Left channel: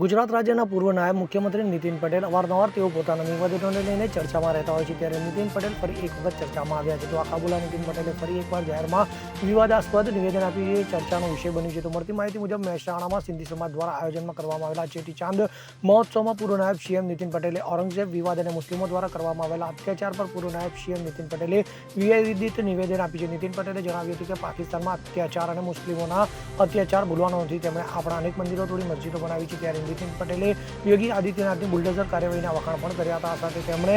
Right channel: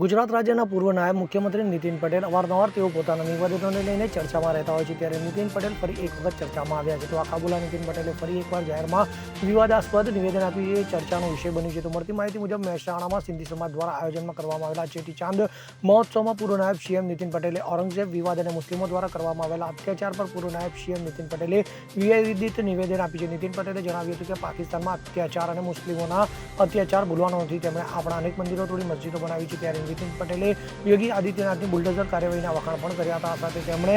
ગુજરાત રાજ્યના પૂર્વ નાયબ મુખ્યમંત્રી નીતિન પટેલ અવારનવાર તેઓ પોતાના નિવેદનોને લઈને ચર્ચામાં રહેતા હોય છે, ત્યારે નીતિન પટેલ ફરી એક વખત ચર્ચામાં આવ્યા છે. તો આખા બોલા નીતિન પટેલે ફરી એકવાર જાહેરમાં વિવાદાસ્પદ નિવેદન આપ્યું છે, ચર્ચાનો વિષય બન્યું છે. તો મળતી માહિતી મુજબ મહેસાણામાં સિંધી સમાજ દ્વારા આયોજનમાં કરવામાં આવેલા ચેટીચાંદ મહોત્સવમાં પૂર્વ નાયબ સીએમ નીતિન પટેલે ઔરંગઝેબ વિવાદ અને મુસ્લિમો દ્વારા કરવામાં આવેલા અત્યાચાર પર પૂર્વ નાયબ સીએમ નીતિન પટેલે વિવાદિત નિવેદન આપ્યું છે. નીતિન પટેલે જણાવ્યું હતું કે પાકિસ્તાનમાં અત્યાચાર અને મુસ્લિમોના અત્યાચાર ભૂલવાનો નથી. તેમણે આપણા અનેક મંદિરો તોડી મસ્જિદો બનાવી છે. ત્યારે નીતિન પટેલે યોગી આદિત્યનાથની બુલડોઝર કાર્યવાહીના વખાણ પણ કર્યા હતા. સાથે તેમણે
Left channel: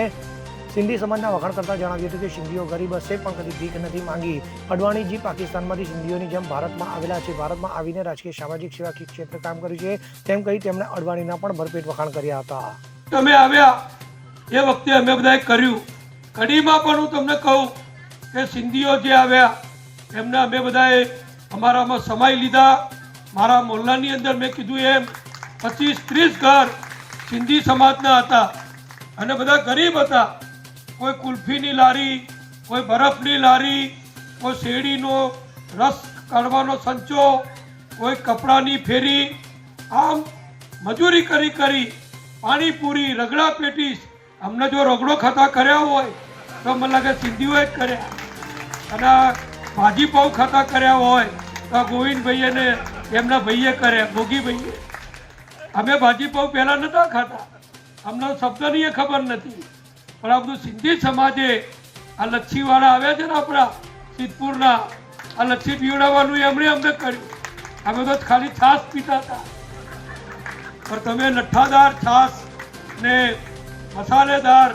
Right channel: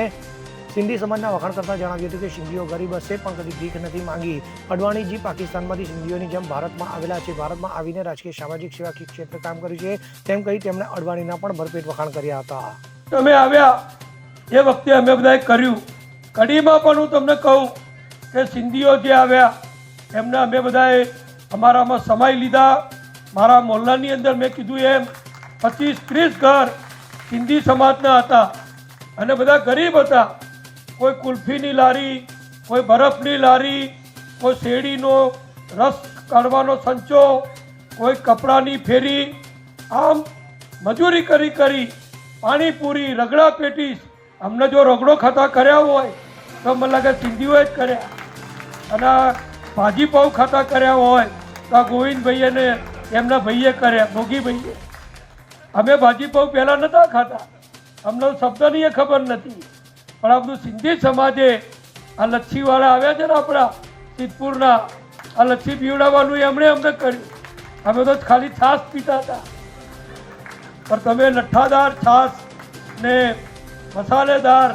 સિંધી સમાજના વખાણ કરતા જણાવ્યું હતું કે સિંધીઓ ગરીબ હશે પણ કદી ભીખ નથી માંગી. અડવાણીજી પાકિસ્તાનમાંથી સિંધીઓની જેમ ભારતમાં આવેલા છે. ભારતમાં આવીને રાજકીય, સામાજિક, સેવાકીય ક્ષેત્રે કામ કર્યું છે તેમ કહી તેમણે અડવાણીના પણ ભરપેટ વખાણ કર્યા હતા. તમે આવ્યા એ વખતે અમે બધાએ કર્યું. કડીમાં પણ હું તમને કહું કે સિંધીઓ જે આવ્યા એમને અમે બધાએ અમારામાં સમાઈ લીધા. મારા મોહલ્લાની અંદર મેં કીધું એમ 25-30 ઘર સિંધી સમાજના હતા અને બધા ગરીબ હતા. કોઈ કુલ્ફીની લારી, કોઈ બરફની લારી, કોઈ શેરડીનો રસ કાઢવાનો સંચો, કોઈ કપડાની ફેરી, આમ મજૂરી કરી પાણીપુરી, રગડા પેટીસ. અમને જો રગડો ખાતા કર્યા હોય તો મને લાગે સિંધીઓએ જ કર્યા, અને ભાજી પાઉં ખાતા કર્યા હોય તો આ ગોવિંદભાઈ અને એમના ભાઈએ કર્યા, ભોગીભાઈએ. અમે ભાજી પાઉં પહેલાં નહોતા ખાતા, અમને શબ્દની એ ખબર નથી. પણ આ બધું સિંધી સમાજે આ લચ્છીવાળા આવ્યા છે ને આપણા સિદ્ધપુરના, આ લચ્છી પીવડાવવાનું એમણે અમને કર્યું. અમે તો ખાલી છાશ પીતા હતા, પણ તમે લઠ્ઠાદાર છાશ ને મસાલેદાર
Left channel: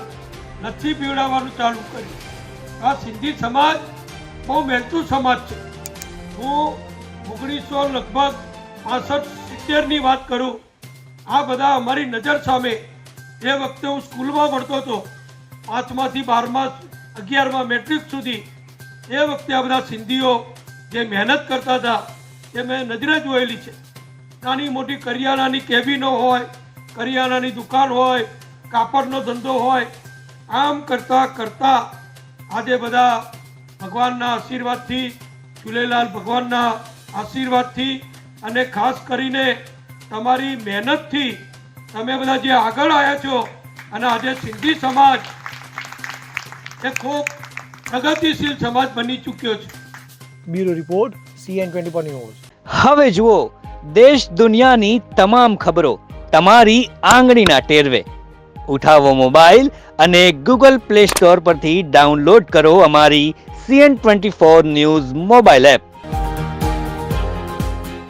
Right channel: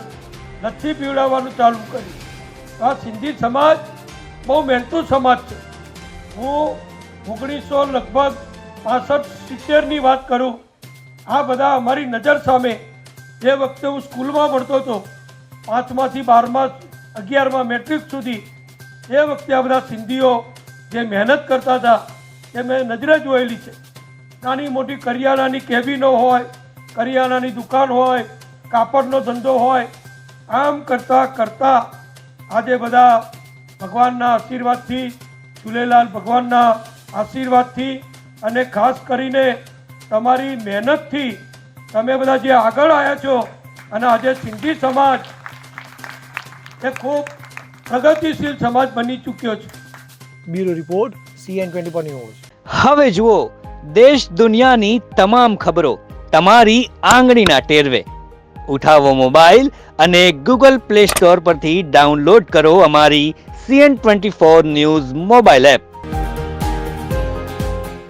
લચ્છી પીવડાવવાનું ચાલુ કર્યું. આ સિંધી સમાજ બહુ મહેનતુ સમાજ છે. હું 1965-70ની વાત કરું, આ બધા અમારી નજર સામે. એ વખતે હું સ્કૂલમાં ભણતો હતો, 5માથી 12મા 11મા મેટ્રિક સુધી. એ વખતે આ બધા સિંધીઓ જે મહેનત કરતા હતા એ મેં નજરે જોયેલી છે. નાની મોટી કરિયાણાની કેબિનો હોય, કરિયાણાની દુકાન હોય, કાપડનો ધંધો હોય, આમ કરતાં કરતાં આજે બધા ભગવાનના આશીર્વાદથી, ઝૂલેલાલ ભગવાનના આશીર્વાદથી અને ખાસ કરીને તમારી મહેનતથી તમે બધા જે આગળ આવ્યા છો અને આજે સિંધી સમાજ એ ખૂબ પ્રગતિશીલ સમાજ બની ચૂક્યો છે. Bureau report CN24 news. હવે જુઓ દેશ દુનિયાની તમામ ખબરો તમારી આંગળીના ટેરવે. ઉઠાવો મોબાઈલ અને Google Play Store પરથી ડાઉનલોડ કરો અમારી CN24 ન્યૂઝ મોબાઈલ એપ.